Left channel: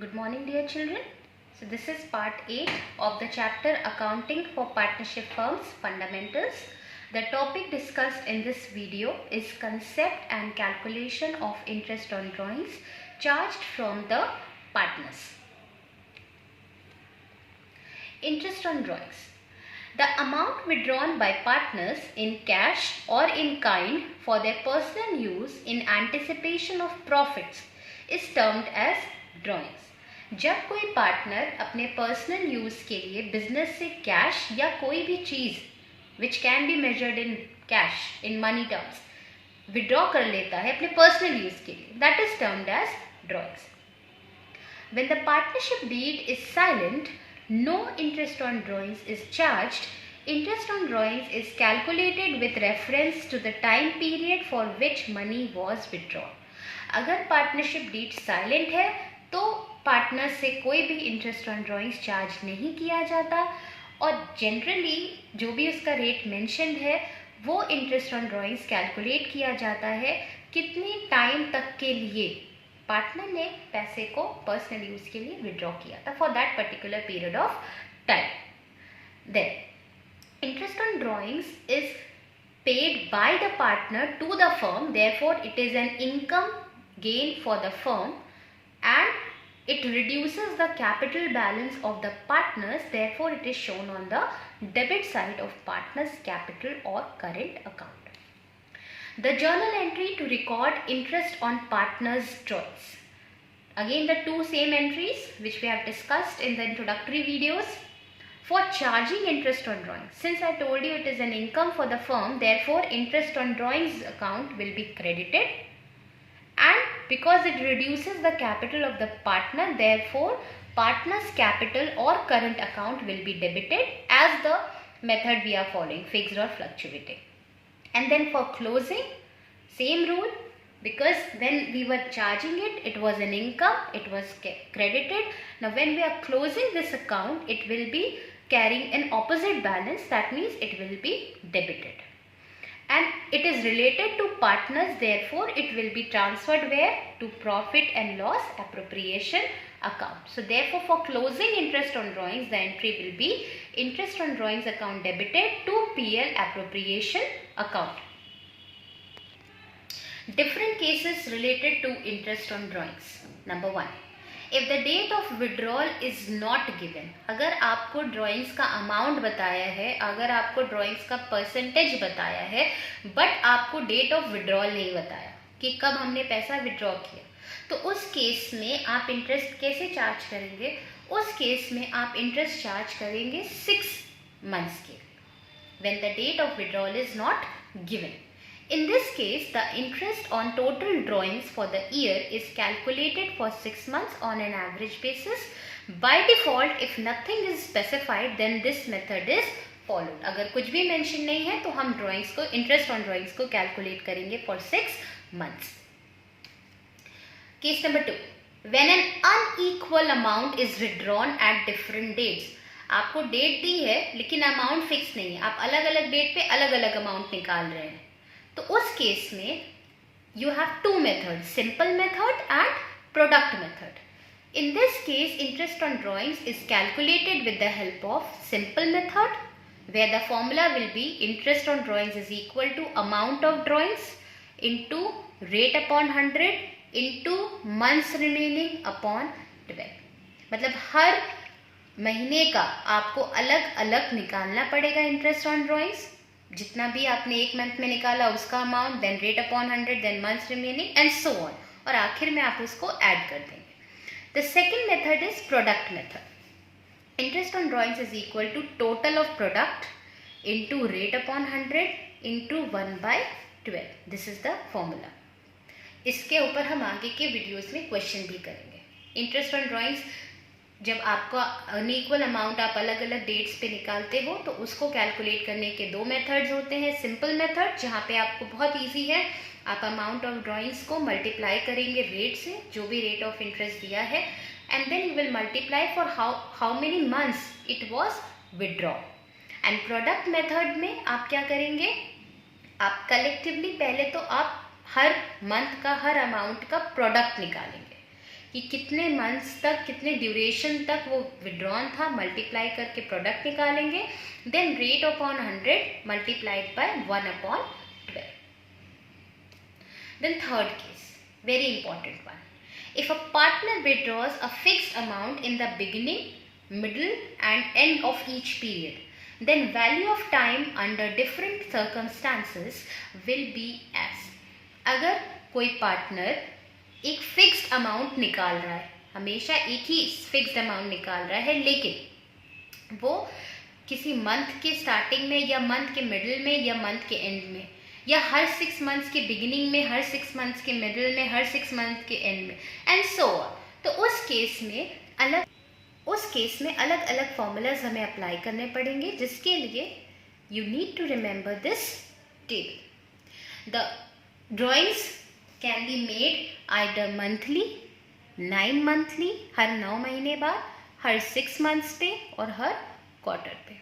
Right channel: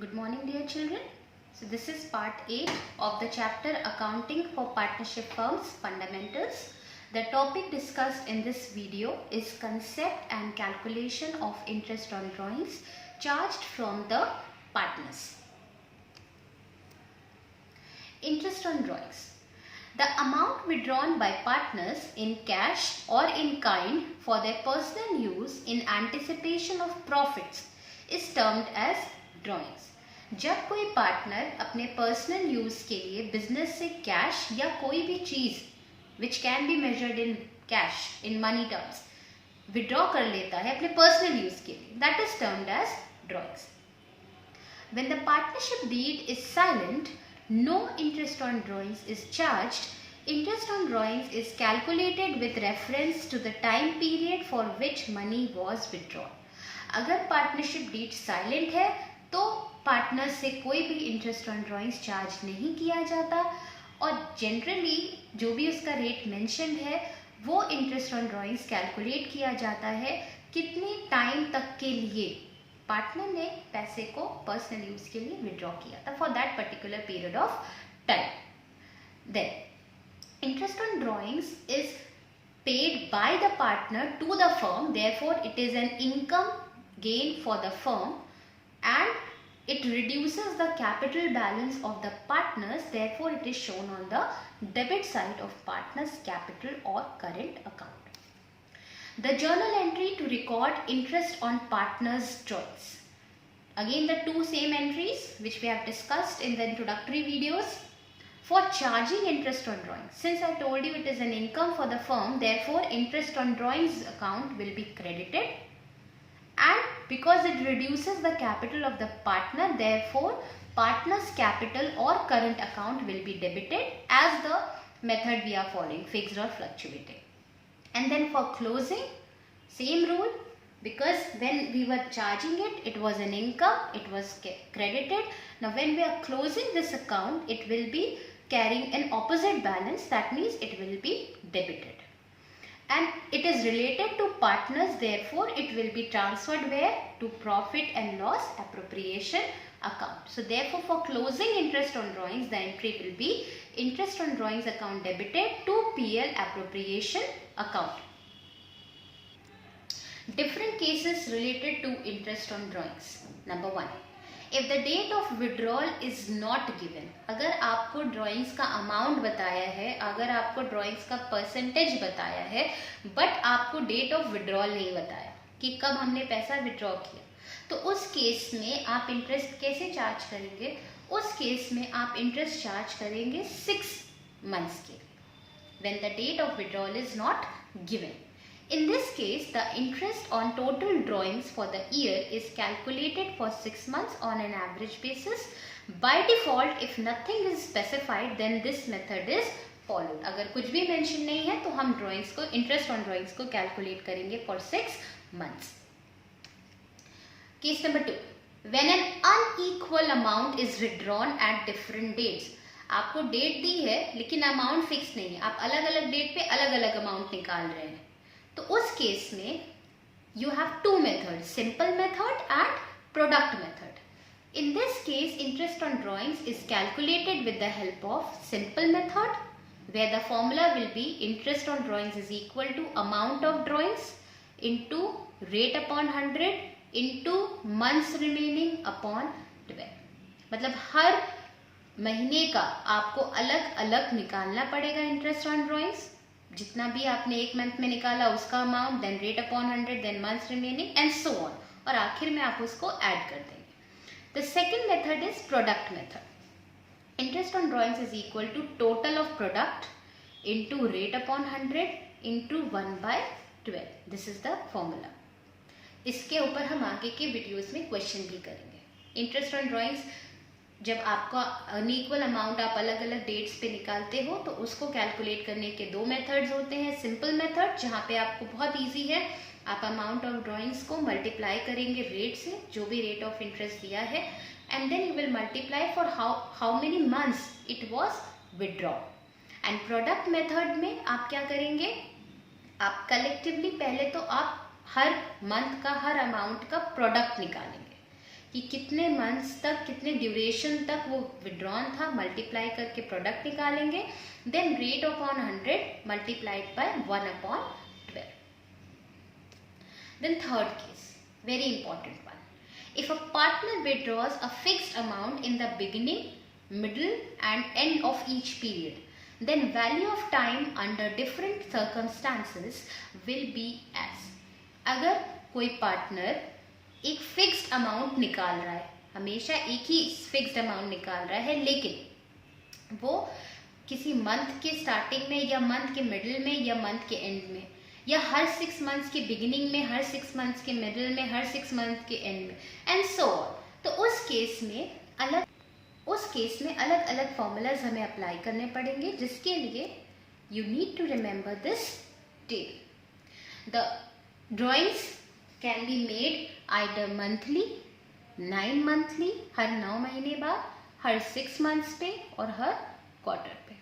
Good morning, dear children. So this is part 8 of the chapter Accounting for Partnership Firms Fundamentals. The topic discussed in this video is concept and calculation of interest on drawings charged from the partners. Interest on drawings. The amount withdrawn by partners in cash or in kind for their personal use in anticipation of profits is termed as drawings. जब कोई पार्टनर अपने personal use के लिए बिजनेस से कैश या कोई भी चीज which can be measured in cash in money terms withdraw कर लेता है अपने पर्सनल यूज के लिए, that is termed as drawings. When the partnership deed is silent, no interest on drawings is charged. Interest on drawings is calculated with reference to the time period for which money was withdrawn. अगर partnership deed silent है तो पार्टनर से कोई भी interest on drawings charge नहीं किया जाता और जनरली जो भी उसका रेट मेंशन है वो इंटरेस्ट ऑन ड्राइंग्स कैलकुलेट किया जाता है कितनी टाइम तक के लिए पार्टनर ने पैसे को पर्सनल यूज के लिए विड्रॉ किया था for that particular period of time. Then interest on drawings is paid by the partner to the firm, therefore it is an income gain for the firm and it reduces the capital balance of the partners, therefore it is shown on the debit side of partners capital or current account. The journal entry to record interest on partners drawings. Again the two same entries which we have discussed in the introductory videos. For charging interest on drawings, since I told you it is an income for the firm, therefore interest on drawings account will be credited, and because it reduces the capital of the partner, therefore partner's capital or current account will be debited as the method we are following, fixed or fluctuating. And then for closing, same rule, because when we were charging it, it was an income, it was credited. Now when we are closing this account, it will be carrying an opposite balance, that means it will be debited. And it is related to partners, therefore it will be transferred where? To profit and loss appropriation account. So therefore for closing interest on drawings, the entry will be interest on drawings account debited to PL appropriation account. Different cases related to interest on drawings. Number 1. If the date of withdrawal is not given, अगर आपको ड्राइंग्स का अमाउंट बताया है, अगर आपको ड्राइंग्स का परसेंटेज बताया है, बट आपको डेट ऑफ विड्रॉल नहीं बताया कि कब हमने पैसा विड्रॉ किया, तो उस केस में आप इंटरेस्ट कैसे चार्ज करेंगे? उस केस में आप इंटरेस्ट चार्ज करेंगे 6 months के, when the date of withdrawal is not given. In this case, the interest on total drawings for the year is calculated for 6 months on an average basis. By default, if nothing is specified, then this method is followed. अगर कुछ भी mention नहीं है तो हम drawings को interest on drawings को calculate करेंगे for 6 months. Case number 2. When an unequal amount is withdrawn at different dates. आपको डेट दी है लेकिन अमाउंट फिक्स नहीं है, आप अलग अलग डेट पे अलग अलग अमाउंट निकाल रहे हैं, तो उस केस में you have two methods, simple method and product method. In this case, interest on drawings is calculated with the help of simple method, where the formula will be interest on drawings is equal to amount of drawings into rate upon 100 into months remaining upon 12. मतलब हर महीने का आपको अलग अलग निकालना पड़ेगा interest on drawings, जितना भी आपने एक मंथ में निकाला उसका amount, then rate upon 100, then months remaining and so on, और आखिर में आप उसको ऐड कर देंगे. The second method is product method. Interest on drawings is equal to total of product into rate upon 100 into 1/12. This is the formula. इसके ऊपर हम आगे के वीडियोस में क्वेश्चन भी करेंगे. इंटरेस्ट ऑन ड्राइंग्स जब आपका अनइक्वल अमाउंट आप अलग अलग डेट्स पे निकालते हो तो उसको कैलकुलेट करने के दो मेथड्स होते हैं. सिंपल मेथड जहाँ पे आपको बहुत इजी है, आप अमाउंट ऑफ ड्राइंग्स को मल्टीप्लाई करेंगे रेट से, जो भी रेट ऑफ इंटरेस्ट दिया है, and then you will multiply for how many months it was withdraw. And product method में आप क्या करेंगे? आप कलेक्टिवली पहले तो आप हर मंथ का हर अमाउंट का प्रोडक्ट निकालेंगे कि कितने मंथ्स तक, कितने ड्यूरेशन तक वो विड्रॉन था, मल्टीप्लाई करके प्रोडक्ट निकालेंगे. Then rate upon 100 multiplied by 1/12. Then third case, very important one. If a partner withdraws a fixed amount in the beginning, middle and end of each period, then value of time under different circumstances will be as. अगर कोई पार्टनर एक fixed amount निकाल रहा है, हमेशा एक ही fixed amount निकाल रहा है, लेकिन वो किसी मंथ के स्टार्टिंग में या मंथ के मिडिल में या मंथ के एंड में या हर 6 मंथ्स के बिगिनिंग में, हर 6 मंथ्स के मिडिल में, हर 6 मंथ के एंड में, एंड सो ऑन. तो उस केस में अलग अलग फॉर्मूलाज हमें अप्लाई करने पड़ेंगे, जिसके लिए you need to remember this table. The drawings can be made either monthly, 9 monthly, हर 9 महीने बाद, हर 6 मंथ्स पे और हर क्वार्टर पे.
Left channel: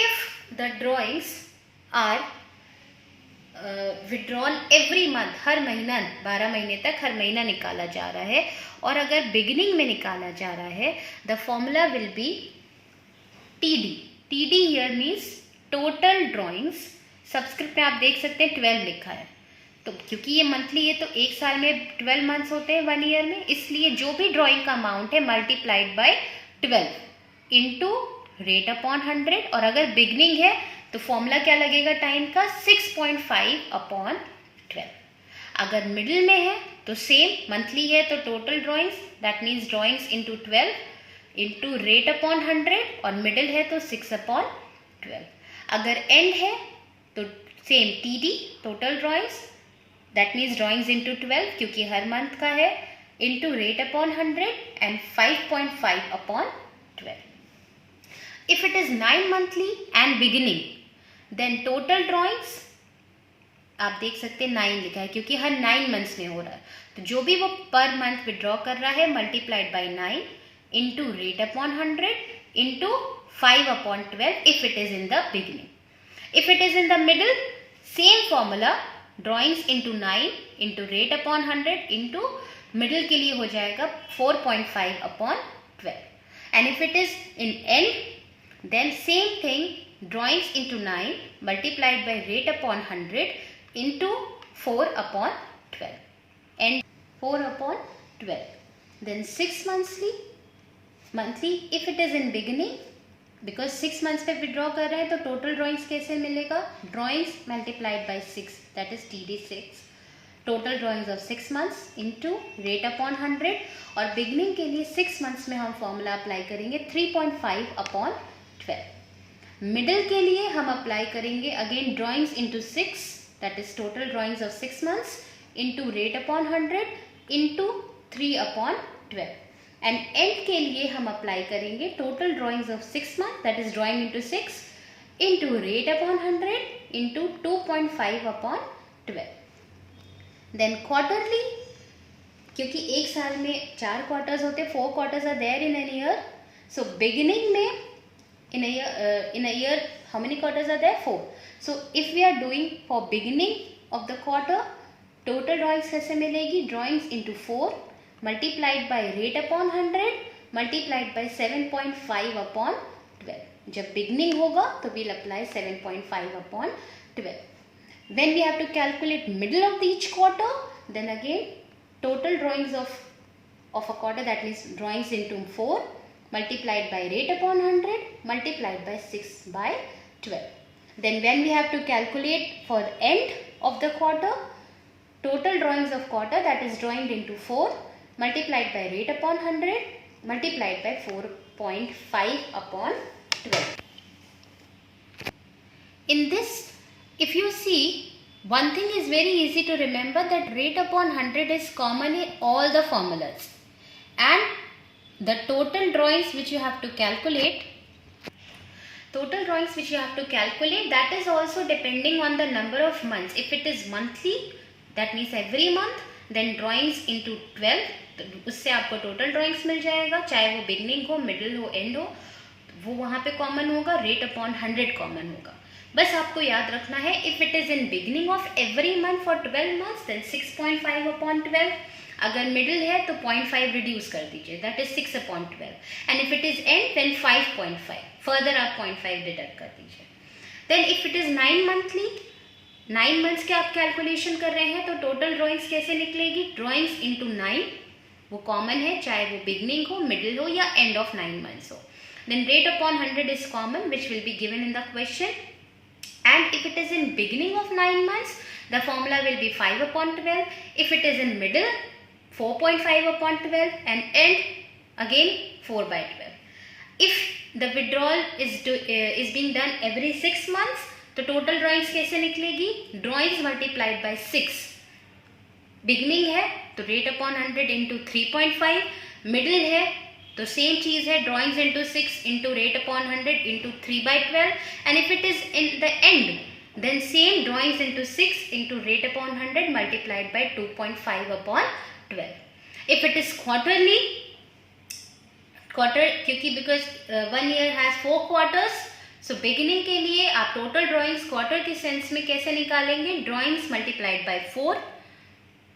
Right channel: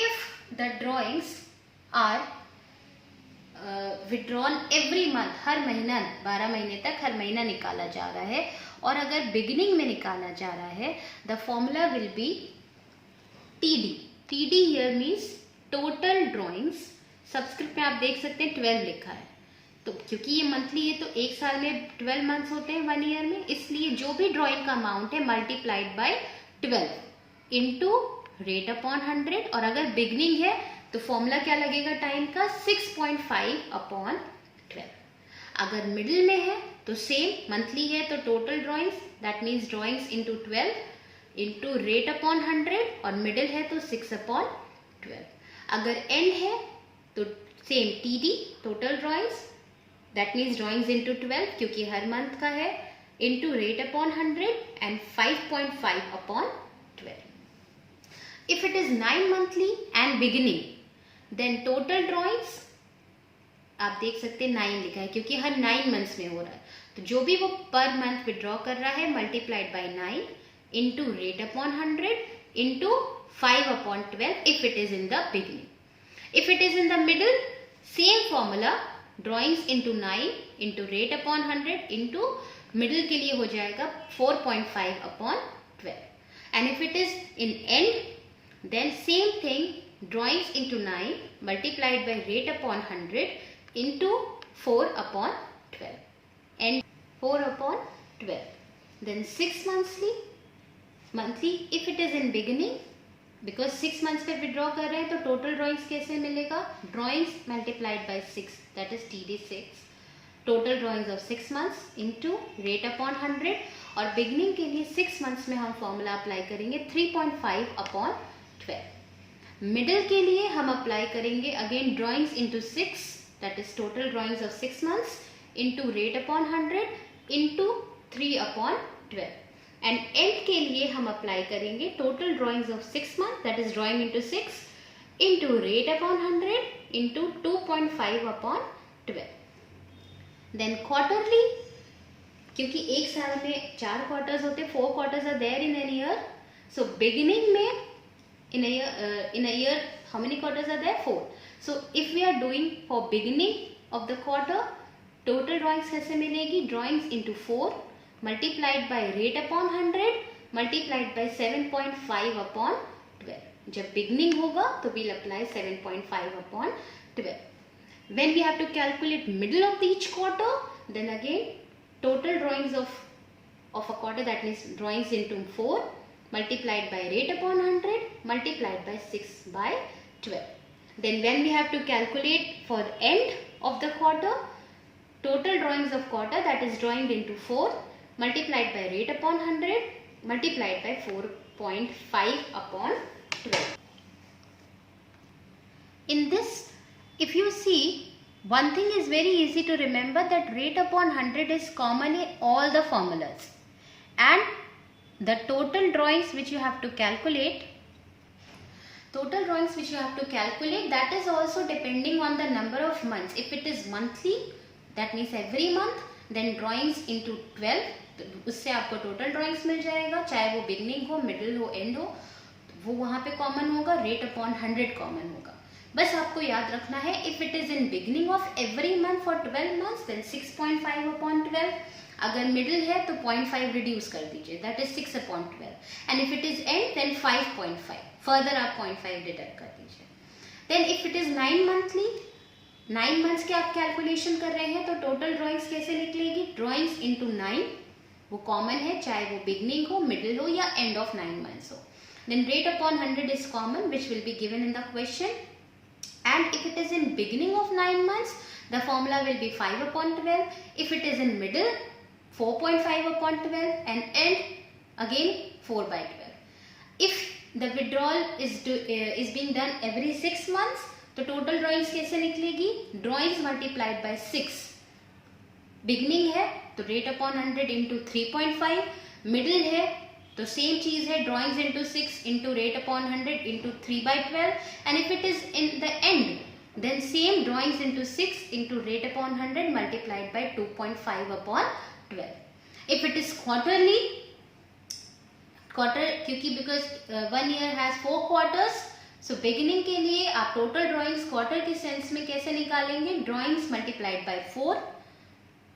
If the drawings are withdrawn every month, हर महीना 12 महीने तक हर महीना निकाला जा रहा है, और अगर बिगिनिंग में निकाला जा रहा है, the formula will be TD. TD here means total drawings. Subscript में आप देख सकते हैं 12 लिखा है, तो क्योंकि ये मंथली है तो एक साल में 12 मंथ्स होते हैं 1 ईयर में, इसलिए जो भी ड्रॉइंग का अमाउंट है multiplied by 12 into rate upon 100. और अगर बिगनिंग है तो फॉर्मूला क्या लगेगा टाइम का, 6.5/12. अगर मिडिल में है तो सेम, मंथली है तो total drawings, that means drawings into 12 into rate upon 100, और मिडिल है तो 6/12. अगर एंड है तो same TD, total drawings, that means drawings into 12 क्योंकि हर मंथ का है, इंटू रेट अपॉन 100 एंड 5.5/12. If it is 9 monthly and beginning, then total drawings, आप देख सकते हैं 9 लिखा है क्योंकि हर 9 मंथ्स में हो रहा है, तो जो भी वो पर मंथ विड्रॉ कर रहा है multiplied by 9 into rate upon 100 इंटू 5/12 if it is in the beginning. If it is in the middle, same formula, drawings into 9 into rate upon 100 into middle के लिए हो जाएगा 4.5/12. And if it is in and, then same thing, drawings into 9 multiplied by rate upon 100 into 4/12 and 4/12. Then 6 monthly if it is in beginning, because 6 months पे withdraw कर रहे हैं तो total drawings कैसे मिलेगा, drawings multiplied by 6, that is TD6, total drawings of 6 months into rate upon 100. और beginning के लिए 6 months में हम फॉर्मूला अप्लाई करेंगे 3.5/12. मिडिल के लिए हम अप्लाई करेंगे again drawings into 6, that is total drawings of 6 months into rate upon 100 into 3/12. And end के लिए हम अप्लाई करेंगे total drawings of 6 month, that is drawing into 6 into rate upon 100 into 2.5/12. Then quarterly, क्योंकि एक साल में 4 quarters होते हैं, 4 quarters are there in an year. So beginning में in a year how many quarters are there, 4. So if we are doing for beginning of the quarter, total drawings कैसे मिलेगी, drawings into 4 multiplied by rate upon 100 multiplied by 7.5/12. जब beginning होगा तो we'll apply 7.5/12. When we have to calculate middle of each quarter, then again total drawings of a quarter, that means drawings into 4 multiplied by rate upon 100 multiplied by 6/12. Then when we have to calculate for end of the quarter, total drawings of quarter, that is drawing into 4 multiplied by rate upon 100 multiplied by 4.5/12. In this, if you see, one thing is very easy to remember, that rate upon 100 is common in all the formulas, and the total drawings which you have to calculate, that is also depending on the number of months. If it is monthly, that means every month, then drawings into 12, उससे आपको total drawings मिल जाएगा, चाहे वो beginning हो, middle हो, end हो, वो वहाँ पे common होगा, rate upon 100 common होगा. बस आपको याद रखना है, if it is in beginning of every month for 12 months, then 6.5/12. अगर मिडिल है तो 0.5 रिड्यूस कर दीजिए, that is 6/12, and if it is end then 5.5, further आप 0.5 डिडक्ट कर दीजिए। Then if it is 9 monthly, 9 months के आप कैलकुलेशन कर रहे हैं, तो टोटल ड्रॉइंग्स कैसे निकलेगी, ड्रॉइंग्स इंटू 9, वो कॉमन है, चाहे वो बिगनिंग हो, मिडिल हो या एंड ऑफ 9 मंथ्स हो। Then rate upon 100 is common which will be given in the question, and if it is in beginning of 9 months the formula will be 5/12. If it is in middle, 4.5/12, and end again 4/12. If the withdrawal is being done every 6 months, तो total drawings कैसे निकलेगी, drawings multiplied by 6, beginning है तो rate upon 100 into 3.5, middle है तो सेम चीज है, drawings into 6 into rate upon 100 into 3/12, and if it is in the end, then same drawings into 6 into rate upon 100 multiplied by 2.5/12. If it is quarterly, quarter क्योंकि because 1 year has 4 quarters, so beginning के लिए आप total drawings quarter के sense में कैसे निकालेंगे, drawings multiplied by 4,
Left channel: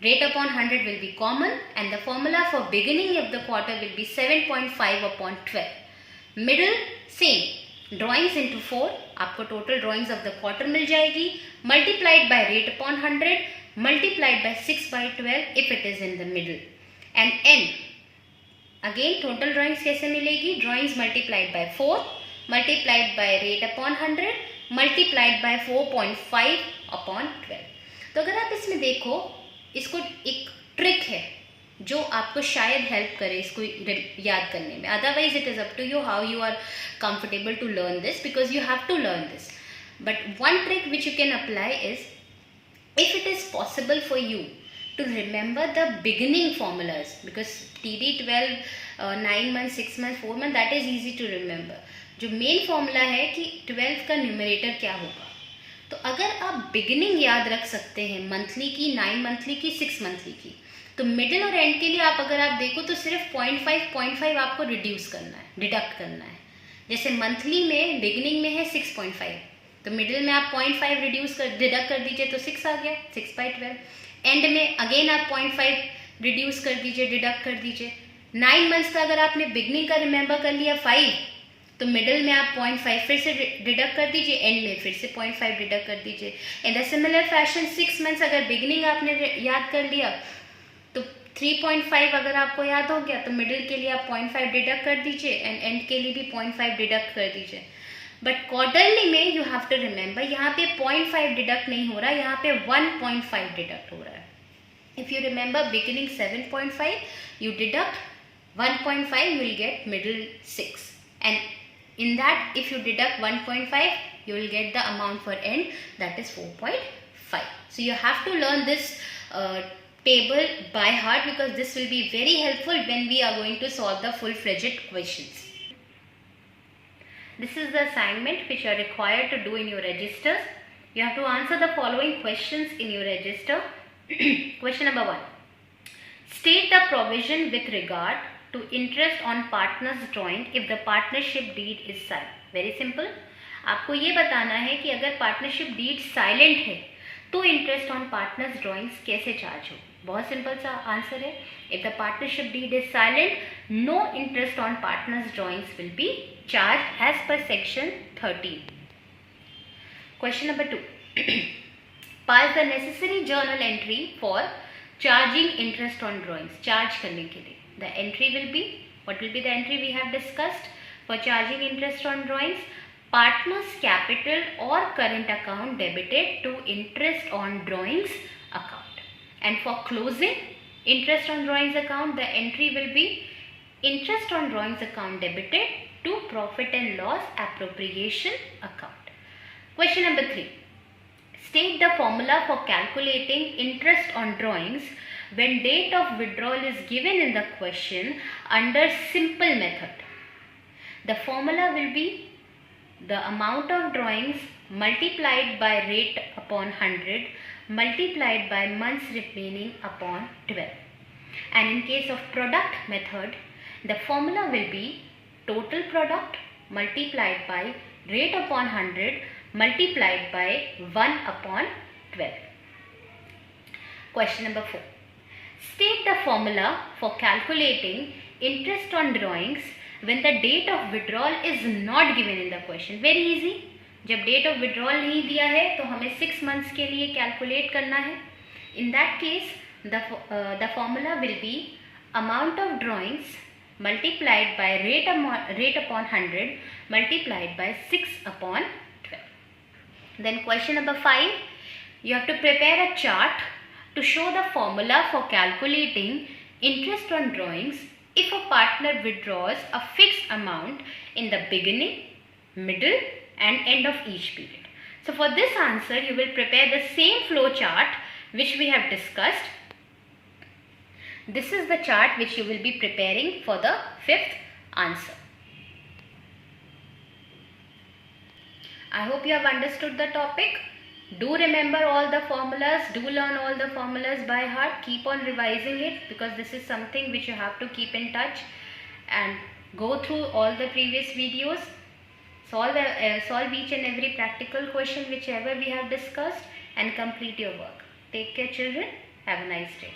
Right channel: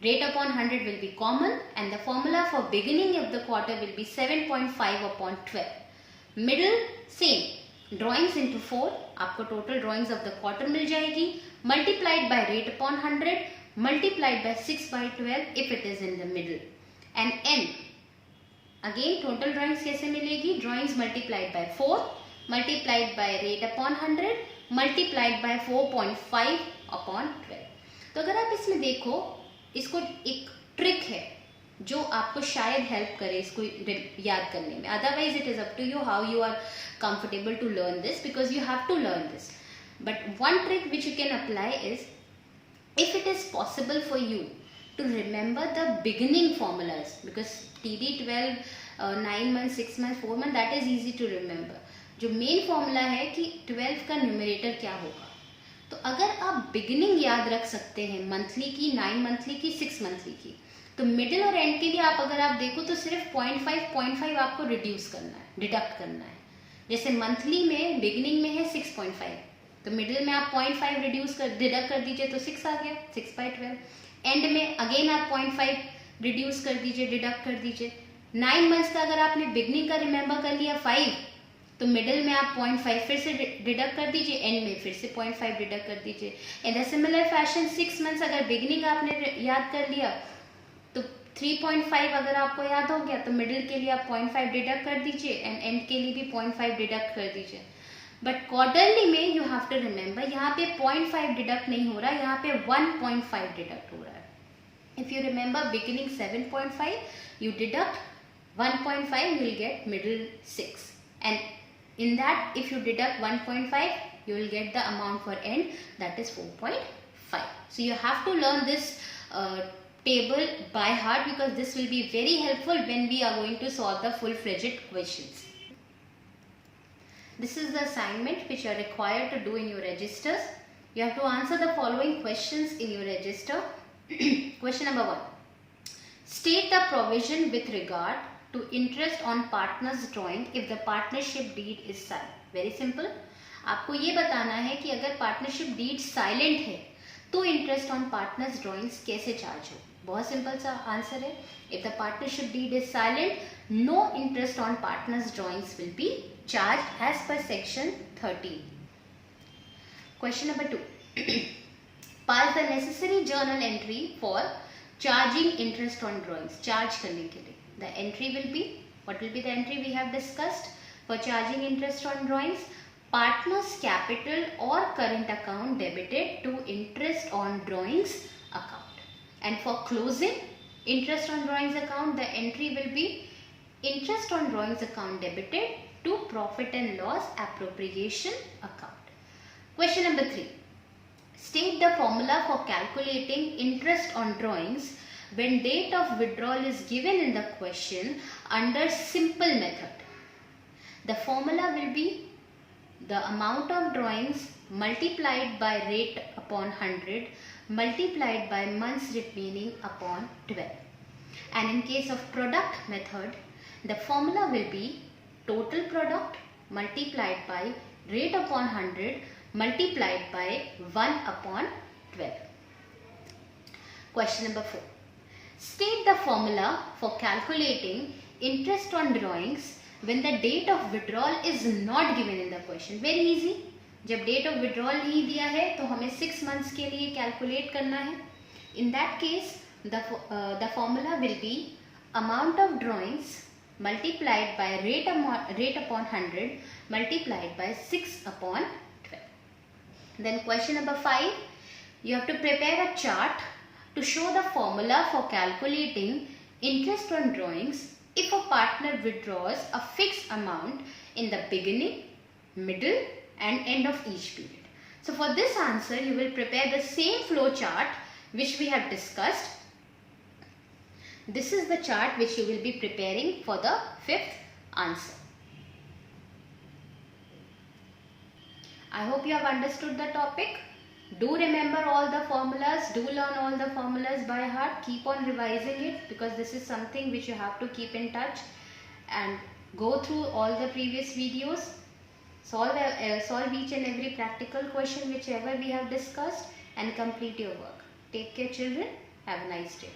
rate upon 100 will be common, and the formula for beginning of the quarter will be 7.5/12. Middle same, drawings into 4, आपको total drawings of the quarter मिल जाएगी, multiplied by rate upon 100 multiplied by 6/12 if it is in the middle, and and again total drawings कैसे मिलेगी, drawings multiplied by 4 multiplied by rate upon 100 multiplied by 4.5/12। तो अगर आप इसमें देखो, इसको एक ट्रिक है जो आपको शायद हेल्प करे इसको याद करने में, otherwise it is up to you how you are comfortable to learn this, because you have to learn this. But one trick which you can apply is, if it is possible for you to remember the beginning formulas, because TD12 9 months 6 months 4 months that is easy to remember, जो main formula है कि 12 का न्यूमरेटर क्या होगा, तो अगर आप बिगिनिंग याद रख सकते हैं मंथली की, 9 मंथली की, 6 मंथली की, तो मिडिल और एंड के लिए आप अगर आप देखो तो सिर्फ 0.5 आपको रिड्यूस करना है, डिडक्ट करना है। जैसे मंथली में बिगिनिंग में है 6.5, तो मिडिल में आप 0.5 रिड्यूस कर डिडक्ट कर दीजिए तो 6 आ गया, 6/12। एंड में अगेन आप 0.5 रिड्यूस कर दीजिए, डिडक्ट कर दीजिए। 9 मंथ्स का अगर आपने बिगिनिंग का रिमेंबर कर लिया 5, तो मिडिल में आप 0.5 फिर से डिडक्ट कर दीजिए, एंड में फिर से 0.5 डिडक्ट कर दीजिए। इन द सिमिलर फैशन 6 मंथ्स अगर बिगिनिंग आपने याद कर लिया तो 3.5 अगर आपको याद हो गया तो मिडिल के लिए आप 0.5 डिडक्ट कर दीजिए, एंड एंड के लिए भी 0.5 डिडक्ट कर दीजिए। बट क्वार्टरली में यू हैव टू रिमेंबर, यहाँ पे 0.5 डिडक्ट नहीं हो रहा, यहाँ पे 1.5 डिडक्ट हो रहा है। If you remember beginning 7.5, you deduct 1.5, you will get middle 6, and in that if you deduct 1.5 you will get the amount for end, that is 4.5. so you have to learn this table by heart, because this will be very helpful when we are going to solve the full-fledged questions. This is the assignment which you are required to do in your registers. You have to answer the following questions in your register. Question number 1. State the provision with regard to interest on partner's drawing if the partnership deed is silent. Very simple. आपको ये बताना है कि अगर partnership deed silent है तो interest on partners drawings कैसे charge हो। बहुत सिंपल सा आंसर है, if the partnership deed is silent, no interest on partners drawings will be charge as per section 13. Question number 2. Pass the necessary journal entry for charging interest on drawings. Charge करने के लिए the entry will be, what will be the entry we have discussed for charging interest on drawings? Partners capital or current account debited to interest on drawings account. And for closing interest on drawings account, the entry will be interest on drawings account debited to profit and loss appropriation account. Question number 3. State the formula for calculating interest on drawings when date of withdrawal is given in the question under simple method. The formula will be the amount of drawings multiplied by rate upon 100 multiplied by months remaining upon 12. And in case of product method, the formula will be total product multiplied by rate upon 100 multiplied by 1 upon 12. Question number 4. State the formula for calculating interest on drawings when the date of withdrawal is not given in the question. Very easy. जब date of withdrawal नहीं दिया है तो हमें 6 months के लिए calculate करना है. In that case, the formula will be amount of drawings multiplied by rate upon 100 multiplied by 6 upon 12. Then question number 5, you have to prepare a chart to show the formula for calculating interest on drawings if a partner withdraws a fixed amount in the beginning, middle and end of each period. So for this answer, you will prepare the same flow chart which we have discussed. This is the chart which you will be preparing for the fifth answer. I hope you have understood the topic. Do remember all the formulas. Do learn all the formulas by heart. Keep on revising it because this is something which you have to keep in touch and go through all the previous videos. Solve each and every practical question whichever we have discussed and complete your work. Take care children. Have a nice day.